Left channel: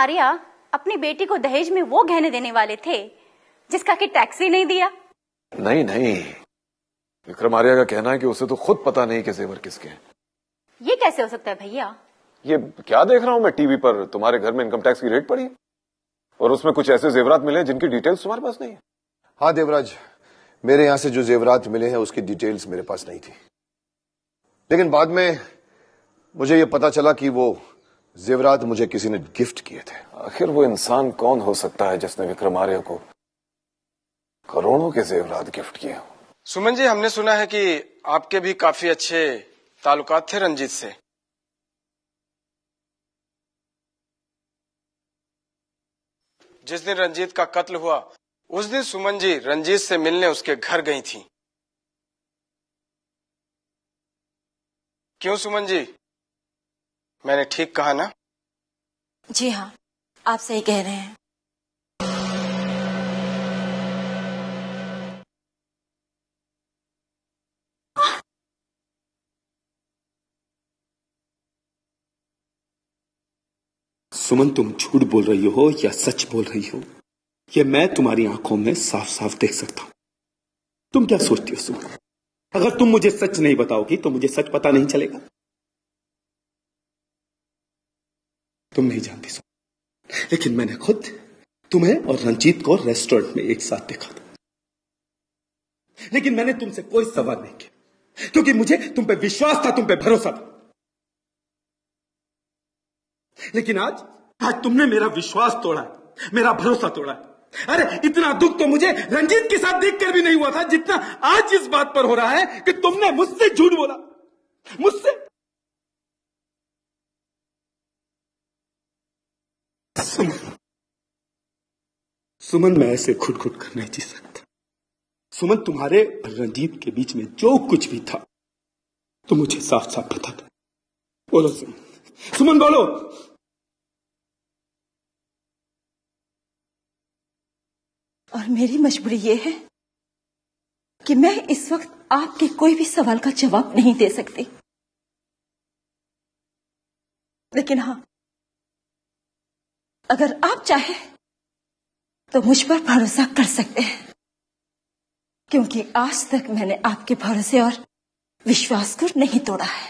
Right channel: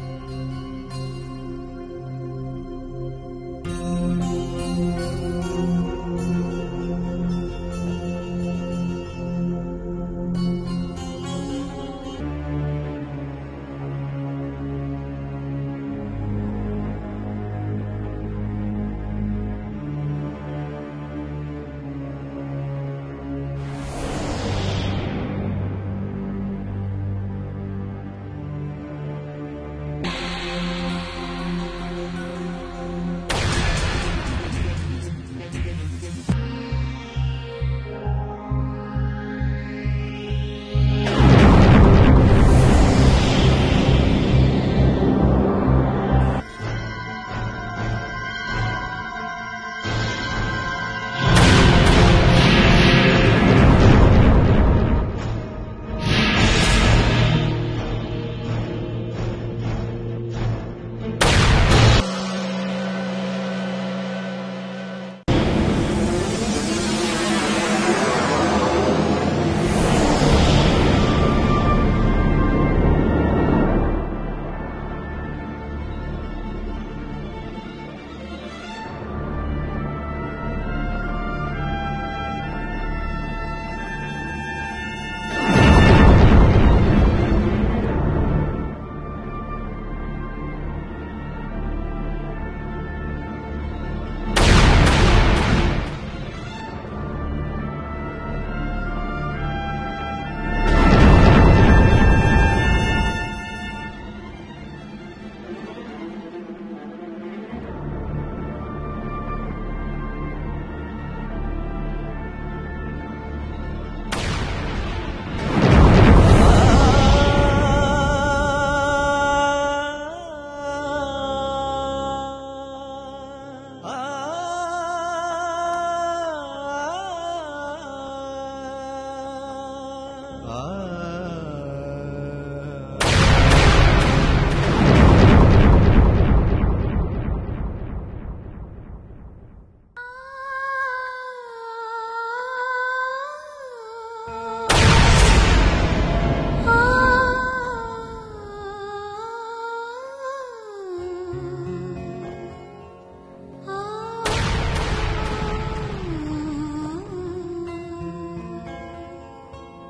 आर्या अपनी बेटी को दहेज में वो गहने देने वाले थे जिसका कि टैक्स ही नहीं दिया? नहीं नहीं, विक्रम आर्या का कहना है कि उसे तो खुद पता नहीं कि जेवर किसके। ये कैसे हो सकता है भैया? ये क्या देख रहा हूँ मैं टीवी पर, तुम्हारे घर में इनकम टैक्स की रेट पड़ी और उसमें कुछ ऐसे जेवरात मिले जिनकी डिटेल्स तुम्हारे पास नहीं। हाँ देवराज, मेरे यहाँ से जो जेवरात मिले हैं उसकी डिटेल्स मेरे पास नहीं थी, लेकिन बाद में मुझे ये पता चला कि वो जेवरात मुझे किसी ने गिफ्ट किए थे। आखिर वो इंसान कौन हो सकता है जिसने विक्रम आर्या को करोड़ों के जेवरात गिफ्ट किया? सुमन जी, हमने सुना है कि आपके भी काफी अच्छे ताल्लुकात थे रंजीत से। जिस दिन रंजीत का कत्ल हुआ उस दिन सुमन जी रंजीत से मिलने उसके घर गई थी। क्यों सुमन जी, मैंने ठीक कहा ना? जी हाँ, आप सही कह रहे हैं। सुमन, तुम झूठ बोल रही हो या सच बोल रही हो, ये मैं तुम्हारी आंखों में साफ साफ देख सकता हूं। तुम क्या सोचती हो सुमन? अगर तुम मुझे सच नहीं बताओगी तो मुझे सच पता नहीं चलेगा। तुम नहीं जानती सुमन, लेकिन मैंने खुद तुम्हें और रंजीत को रेस्टोरेंट में एक साथ देखा था, लेकिन मैंने तुमसे कोई सवाल नहीं किया क्योंकि मुझे तुम पे विश्वास था, तुम पे भरोसा था। लेकिन आज तुमने मेरा विश्वास तोड़ा, मेरा भरोसा तोड़ा। अरे इतना दुख तो मुझे रंजीत के साथ देखकर भी नहीं हुआ था जितना आज इस बात पर हो रहा है कि तुमने मुझसे झूठ बोला, मुझसे। सुमन, मैं ऐसे खुद कर नहीं जी सकता। सुमन, तुम्हारे और रंजीत के बीच में जो कुछ भी था तो मुझे साफ साफ पता था। बोलो सुमन, सुमन बोलो। और मेरी मजबूरी ये है कि मैं इस वक्त आपके कोई भी सवाल का जवाब नहीं दे सकती, लेकिन हाँ, अगर आप चाहें तो मुझ पर भरोसा कर सकते हैं, क्योंकि आज तक मैंने आपके भरोसे और विश्वास को नहीं तोड़ा है।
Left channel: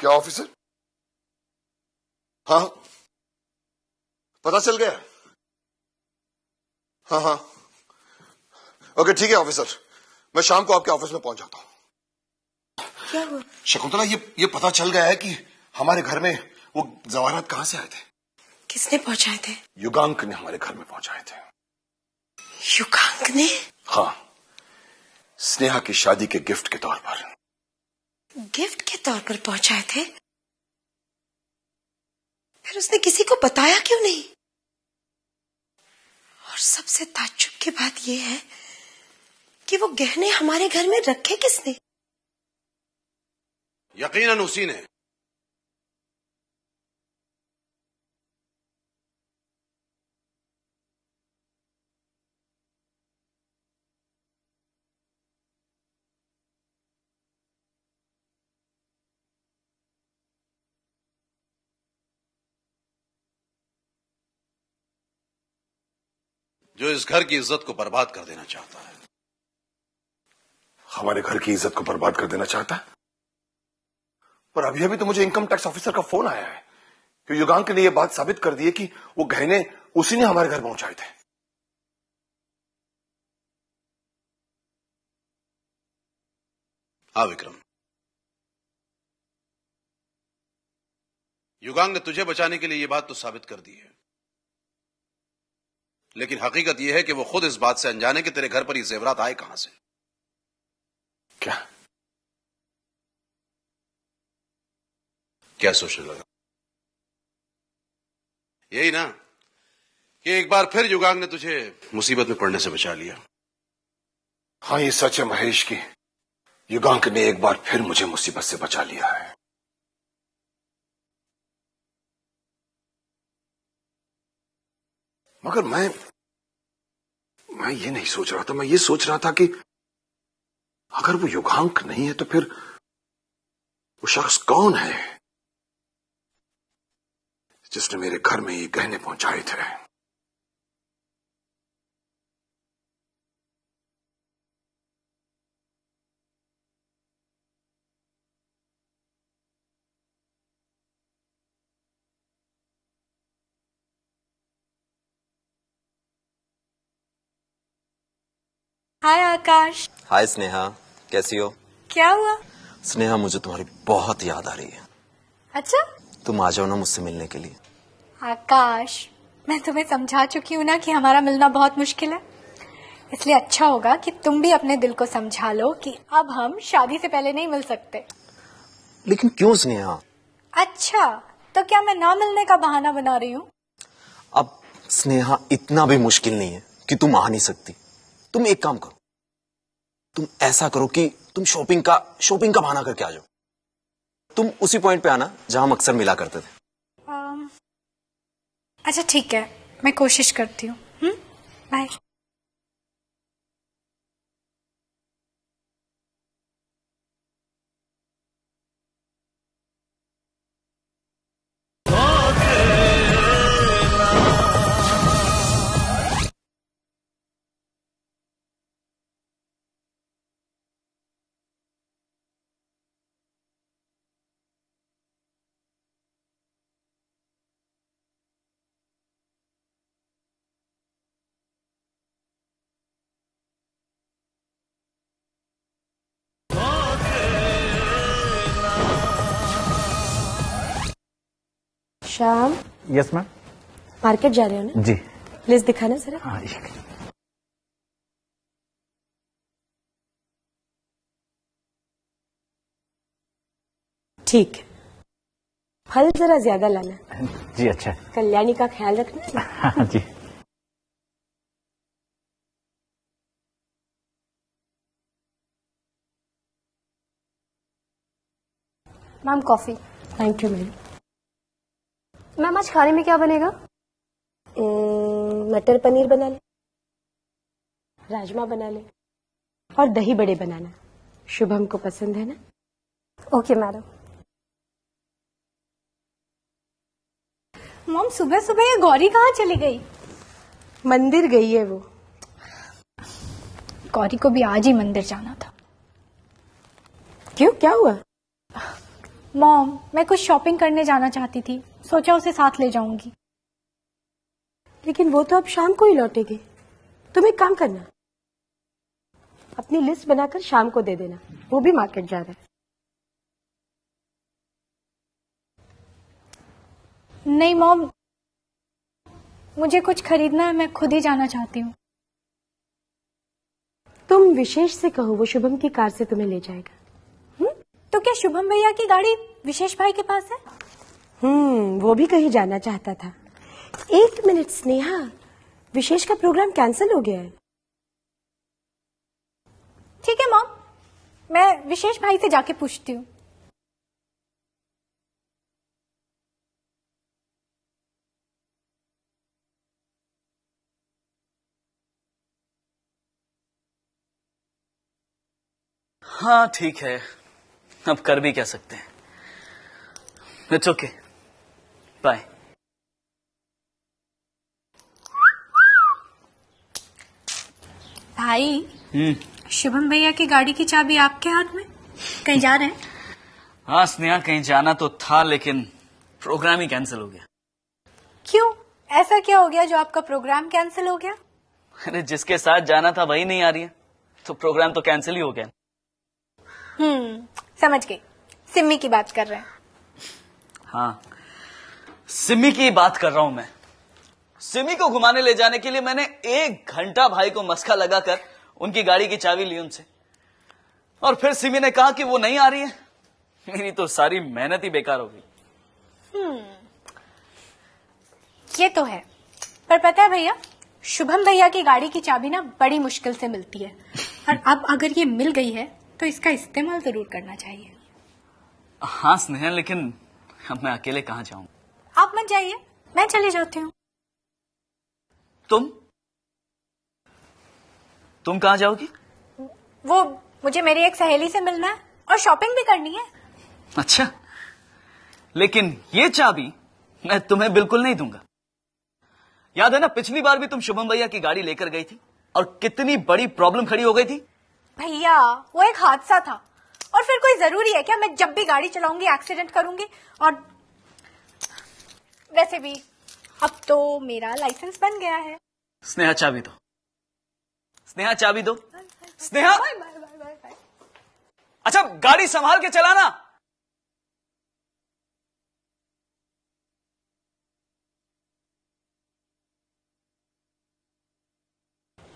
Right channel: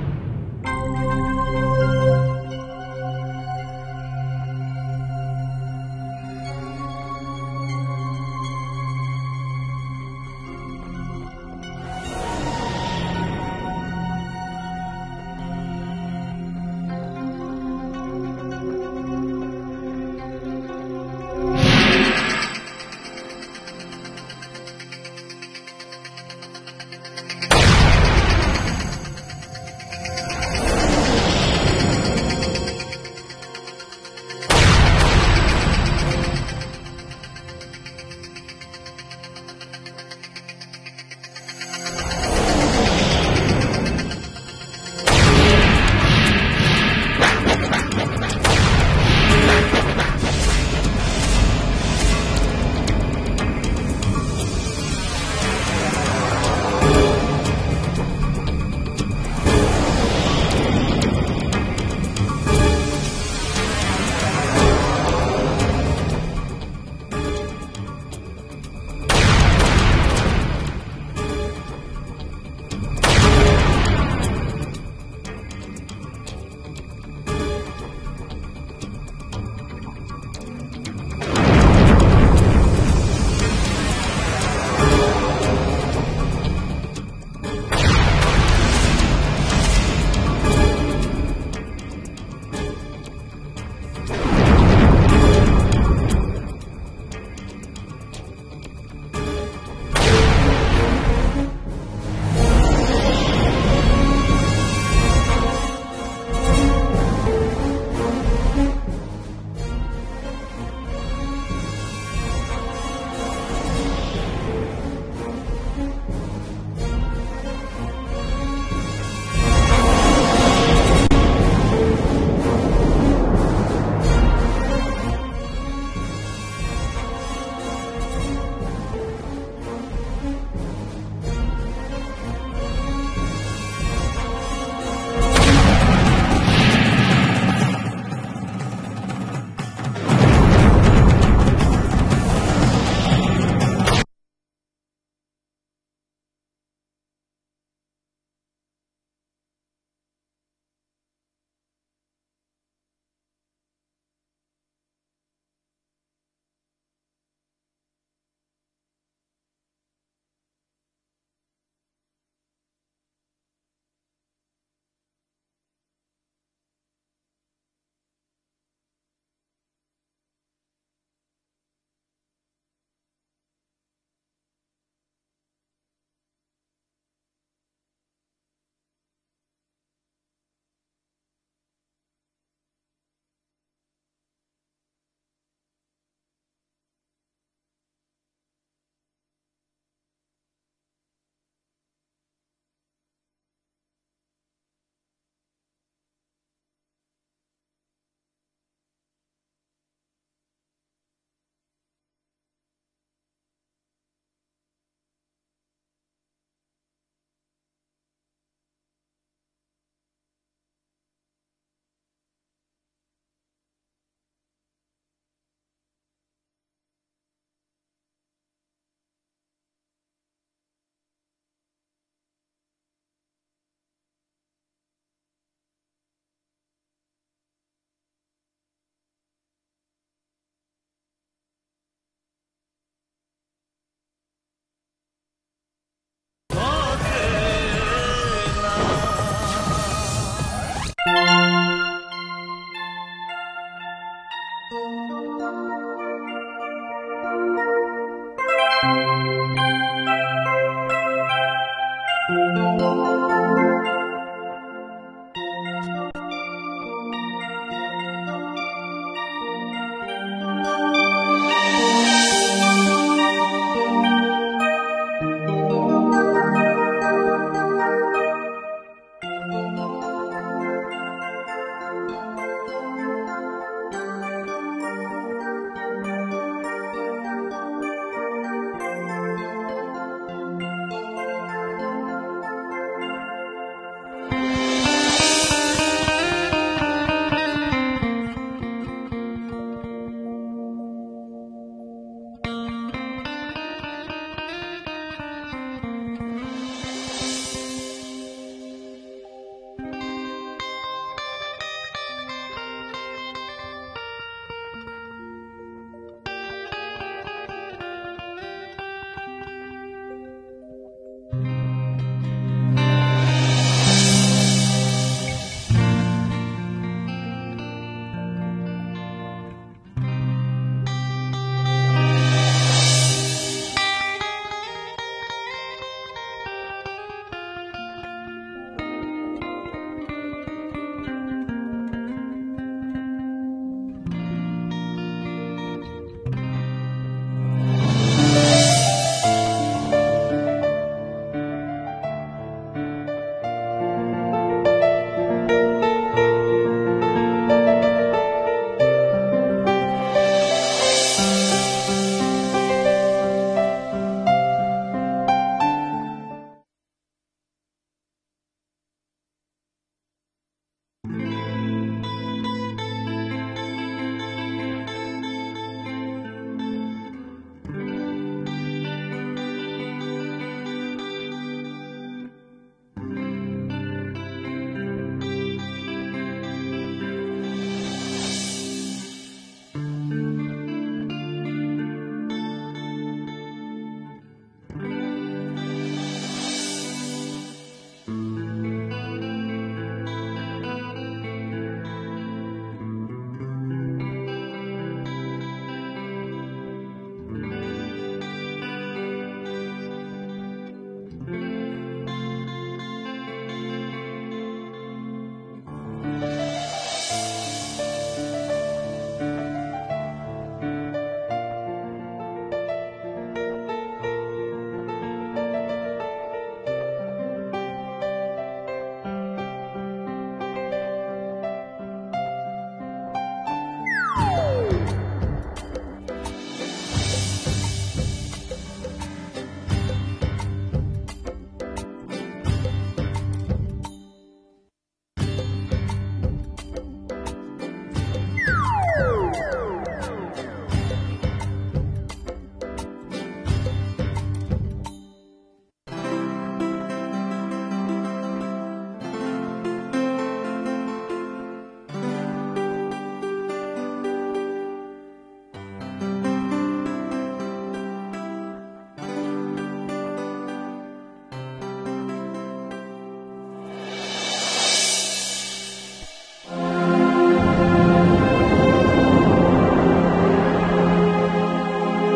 क्या ऑफिसर? हाँ, पता चल गया? हाँ हाँ, ओके ठीक है ऑफिसर, मैं शाम को आपके ऑफिस में पहुंच जाता हूँ। शकुंतला, ये पता चल गया है कि हमारे घर में वो जवाहरात कहाँ से आए थे। किसने पहुंचाए थे? युगांक ने हमारे घर में पहुंचाए थे। युगांक ने? हाँ, स्नेहा की शादी के गिफ्ट के तौर पर। गिफ्ट के तौर पर पहुंचाए थे? फिर उसने किसी को बताया क्यों नहीं? और सबसे ताज्जुब की बात यह है कि वो गहने हमारे घर में रखे किसने? यकीनन उसी ने। इस घर की इज्जत को बर्बाद कर देना चाहता है। हमारे घर की इज्जत को बर्बाद कर देना चाहता है। और अभी तो मुझे इनकम टैक्स ऑफिसर का फोन आया है, तो युगांक ने यह बात साबित कर दी है कि वो गहने उसी ने हमारे घर पहुंचाए थे। हाँ विक्रम, युगांग ने तुझे बचाने के लिए ये बात तो साबित कर दी, लेकिन हकीकत यह है कि वो खुद इस बात से अनजान है कि तेरे घर पर ये जेवरात आए कहां से। क्या सोच रहा था? यही ना कि एक बार फिर युगांग ने तुझे मुसीबत में पड़ने से बचा लिया। हाँ, ये सच है महेश की युगांक ने एक बार फिर मुझे मुसीबत से बचा लिया है। मगर मैं ये नहीं सोच रहा था, मैं ये सोच रहा था कि अगर वो युगांक नहीं है तो फिर वो शख्स कौन है जिसने मेरे घर में ये गहने पहुंचाए थे। हाय आकाश। हाय स्नेहा, कैसी हो? क्या हुआ? स्नेहा, मुझे तुम्हारी बहुत याद आ रही है। अच्छा, तुम आ जाओ ना मुझसे मिलने के लिए। आकाश, मैं तुम्हें समझा चुकी हूँ ना कि हमारा मिलना बहुत मुश्किल है, इसलिए अच्छा होगा कि तुम भी अपने दिल को समझा लो कि अब हम शादी से पहले नहीं मिल सकते। लेकिन क्यों स्नेहा? अच्छा, तो क्या मैं ना मिलने का बहाना बना रही हूँ? अब स्नेहा, इतना भी मुश्किल नहीं है कि तुम आ नहीं सकती। तुम एक काम करो, तुम ऐसा करो कि तुम शॉपिंग का बहाना करके आ जाओ। तुम उसी पॉइंट पे आना जहां हम अक्सर मिला करते थे। अच्छा ठीक है, मैं कोशिश करती हूँ। Bye. Shyam. Yes ma'am. Market जा रहे हैं ना? जी। प्लीज दिखाना सर। ठीक है, फल जरा ज्यादा लाना। जी अच्छा। कल्याणी का ख्याल रखना। हाँ जी। Ma'am coffee. Thank you ma'am. Ma'am आज खाने में क्या बनेगा? मटर पनीर बनाना, राजमा बनाना और दही बड़े बनाना। शुभम को पसंद है ना? Okay madam. मॉम, सुबह सुबह ये गौरी कहाँ चली गई? मंदिर गई है वो। गौरी को भी आज ही मंदिर जाना था। क्यों, क्या हुआ? मॉम, मैं कुछ शॉपिंग करने जाना चाहती थी, सोचा उसे साथ ले जाऊंगी। लेकिन वो तो अब शाम को ही लौटेगी। तुम एक काम करना, अपनी लिस्ट बनाकर शाम को दे देना, वो भी मार्केट जा रहा है। नहीं मॉम, मुझे कुछ खरीदना है, मैं खुद ही जाना चाहती हूँ। तुम विशेष से कहो, वो शुभम की कार से तुम्हें ले जाएगा। तो क्या शुभम भैया की गाड़ी विशेष भाई के पास है? वो भी कहीं जाना चाहता था। एक मिनट स्नेहा, विशेष का प्रोग्राम कैंसिल हो गया है। ठीक है मॉम, मैं विशेष भाई से जाके पूछती हूँ। हाँ ठीक है, अब कर भी क्या सकते हैं। It's okay, bye. भाई, शुभम भैया की गाड़ी की चाबी आपके हाथ में? कहीं जा रहे हैं? हाँ स्नेहा, कहीं जाना तो था लेकिन प्रोग्राम ही कैंसिल हो गया। क्यों, ऐसा क्या हो गया जो आपका प्रोग्राम कैंसिल हो गया? अरे जिसके साथ जाना था वही नहीं आ रही है, तो प्रोग्राम तो कैंसिल ही हो गया। समझ गई, सिम्मी की बात कर रहे हैं। हाँ, सिम्मी की बात कर रहा हूं मैं। सिमी को घुमाने ले जाने के लिए मैंने 1 घंटा भाई को मस्का लगाकर उनकी गाड़ी की चाबी ली उनसे, और फिर सिमी ने कहा कि वो नहीं आ रही है। मेरी तो सारी मेहनत ही बेकार हो गई। ये तो है, पर पता है भैया, शुभम भैया की गाड़ी की चाबी ना बड़ी मुश्किल से मिलती है, और अब अगर ये मिल गई है तो इसका इस्तेमाल जरूर करना चाहिए। हाँ स्नेहा, लेकिन अब मैं अकेले कहाँ जाऊँ? आप मत जाइए, मैं चली जाती हूँ। तुम कहाँ जाओगी? वो मुझे मेरी एक सहेली से मिलना है और शॉपिंग भी करनी है। अच्छा, लेकिन ये चाबी मैं तुम्हें बिल्कुल नहीं दूंगा। याद है ना, पिछली बार भी तुम शुभम भैया की गाड़ी लेकर गई थी और कितनी बड़ी प्रॉब्लम खड़ी हो गई थी। भैया वो एक हादसा था, और फिर कोई जरूरी है क्या मैं जब भी गाड़ी चलाऊंगी एक्सीडेंट करूंगी? और वैसे भी अब तो मेरा लाइसेंस बन गया है। स्नेहा चाबी दो, स्नेहा चाबी दो, स्नेहा। अच्छा गाड़ी संभाल के चलाना।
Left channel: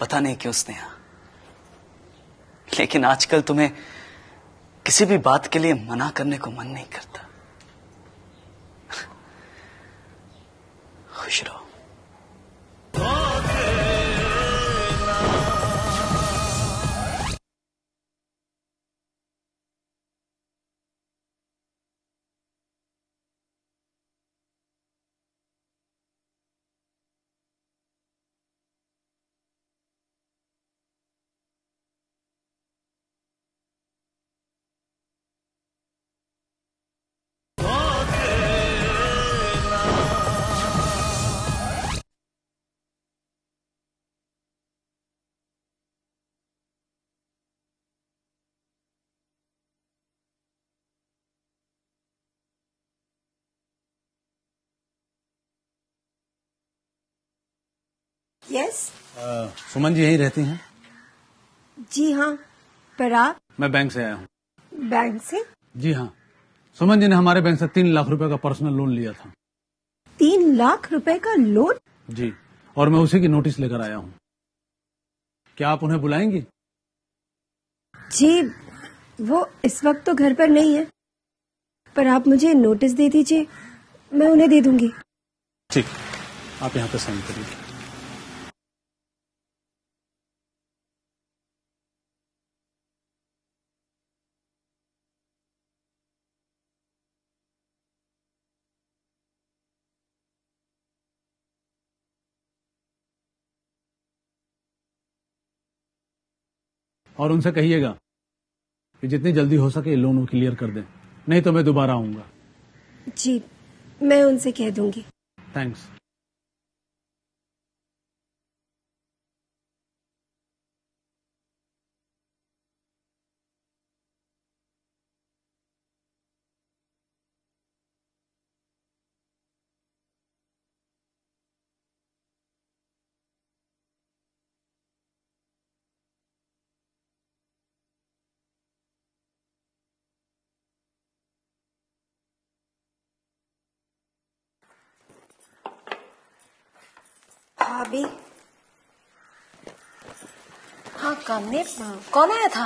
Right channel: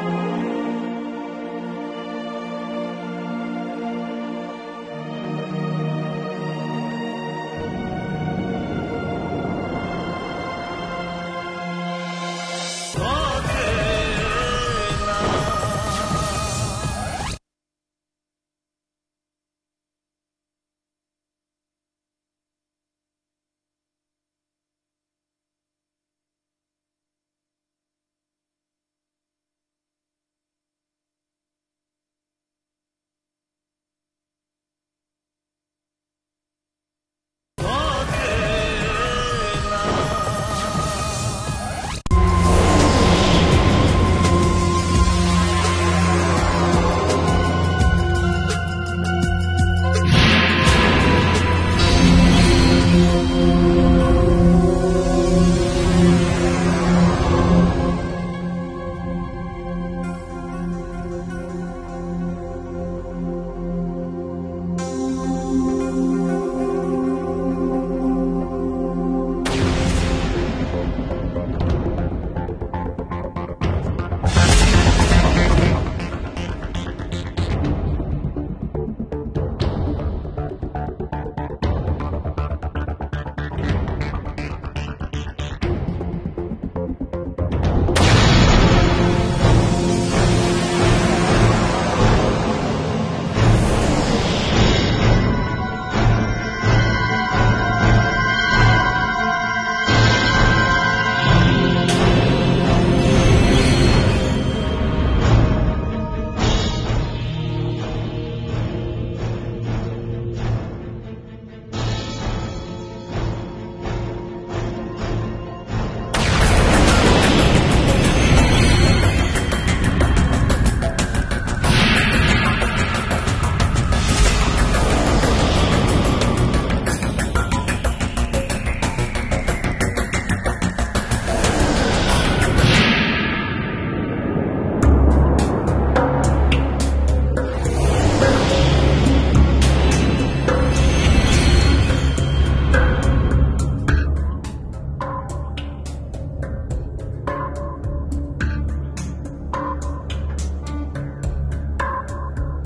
पता नहीं क्यों स्नेहा, लेकिन आजकल तुम्हें किसी भी बात के लिए मना करने को मन नहीं करता। खुश रहो। सुमन जी यहीं रहती हैं? जी हाँ, पर आप? मैं बैंक से आया हूँ। बैंक से? जी हाँ, सुमन जी ने हमारे बैंक से 3 लाख रुपए का पर्सनल लोन लिया था। 3 लाख रुपए का लोन? जी, और मैं उसी की नोटिस लेकर आया हूँ। क्या आप उन्हें बुलाएंगी? जी, वो इस वक्त तो घर पर नहीं है, पर आप मुझे नोटिस दे दीजिए, मैं उन्हें दे दूंगी। ठीक, आप यहाँ पे साइन कीजिए। और उनसे कहिएगा कि जितनी जल्दी हो सके लोन क्लियर कर दें, नहीं तो मैं दोबारा आऊंगा। जी, मैं उनसे कह दूंगी। Thank you. कौन आया था?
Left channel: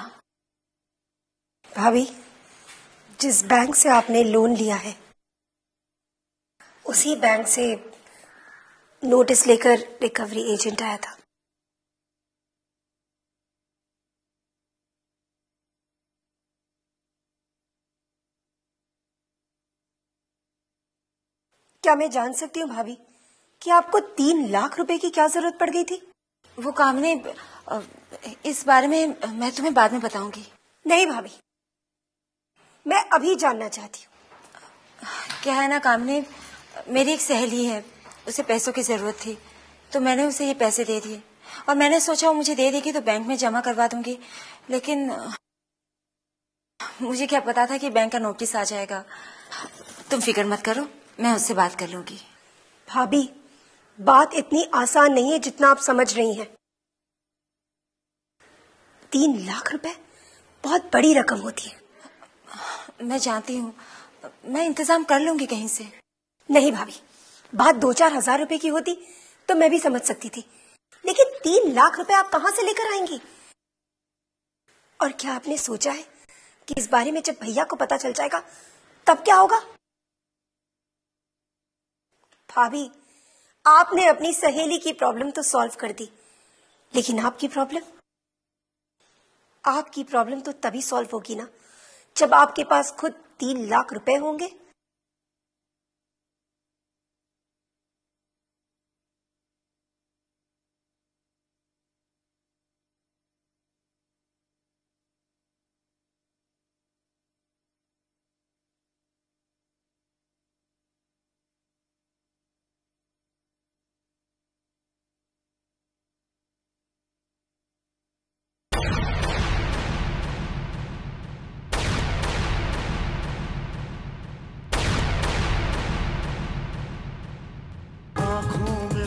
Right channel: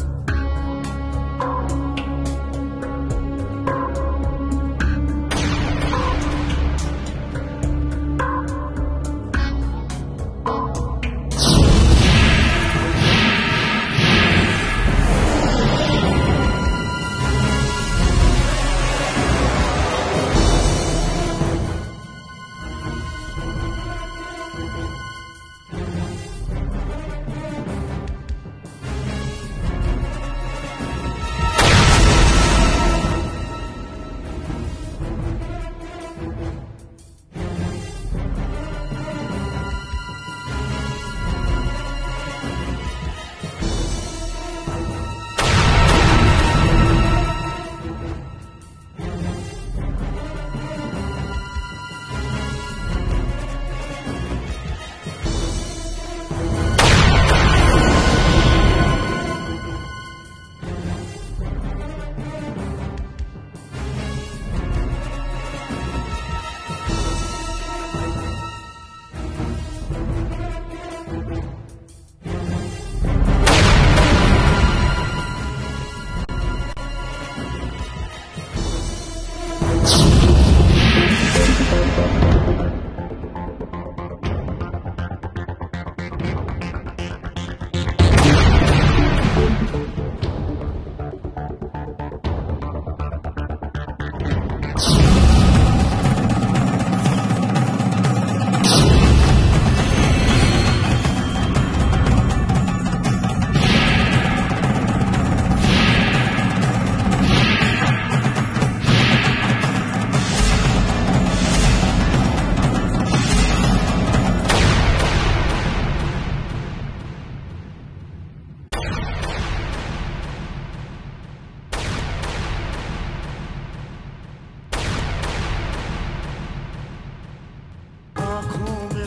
भाभी, जिस बैंक से आपने लोन लिया है, उसी बैंक से नोटिस लेकर रिकवरी एजेंट आया था। क्या मैं जान सकती हूँ भाभी कि आपको 3 लाख रुपए की क्या जरूरत पड़ गई थी? वो काम ने, इस बारे में मैं तुम्हें बाद में बताऊंगी। नहीं भाभी, मैं अभी जानना चाहती हूँ। क्या है ना, काम ने, मेरी एक सहेली है, उसे पैसों की जरूरत थी, तो मैंने उसे ये पैसे दे दिए, और मैंने सोचा वो मुझे दे देगी तो बैंक में जमा करवा दूंगी, लेकिन मुझे क्या पता था कि बैंक का नोटिस आ जाएगा। तुम फिक्र मत करो, मैं उससे बात कर लूंगी। भाभी, बात इतनी आसान नहीं है जितना आप समझ रही हैं। 3 लाख रुपए बहुत बड़ी रकम होती है। मैं जानती हूँ, मैं इंतजाम कर लूंगी कहीं से। नहीं भाभी, बात 2-4 हजार रुपए की होती तो मैं भी समझ सकती थी, लेकिन 3 लाख रुपए आप कहाँ से लेकर आएंगी? और क्या आपने सोचा है कि इस बारे में जब रिया को पता चल जाएगा तब क्या होगा? भाभी, आपने अपनी सहेली की प्रॉब्लम तो सॉल्व कर दी, लेकिन आपकी प्रॉब्लम तो तभी सॉल्व होगी ना जब आपके पास खुद 3 लाख रुपए होंगे।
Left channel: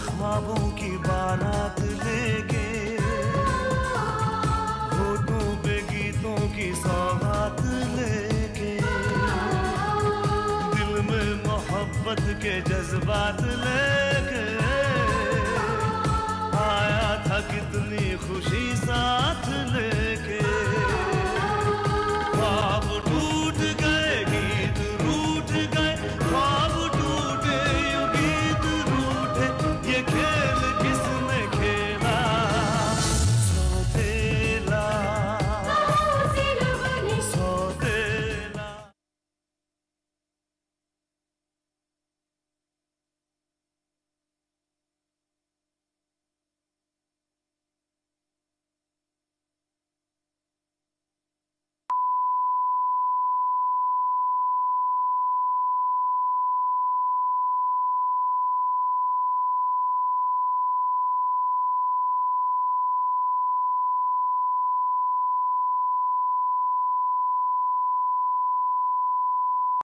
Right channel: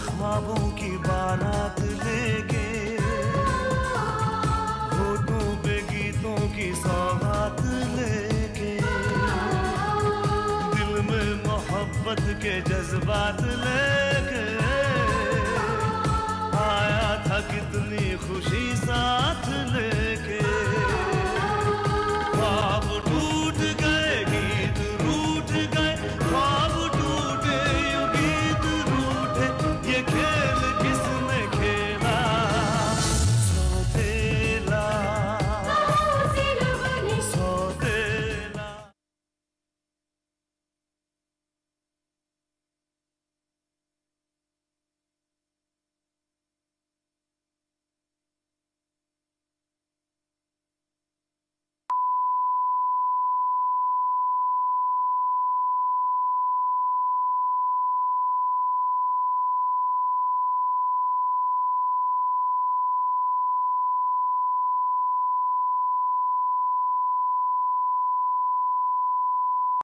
ख्वाबों की बारात लेके, होठों पे गीतों की सौगात लेके, दिल में मोहब्बत के जज्बात लेके आया था कितनी खुशी साथ ले।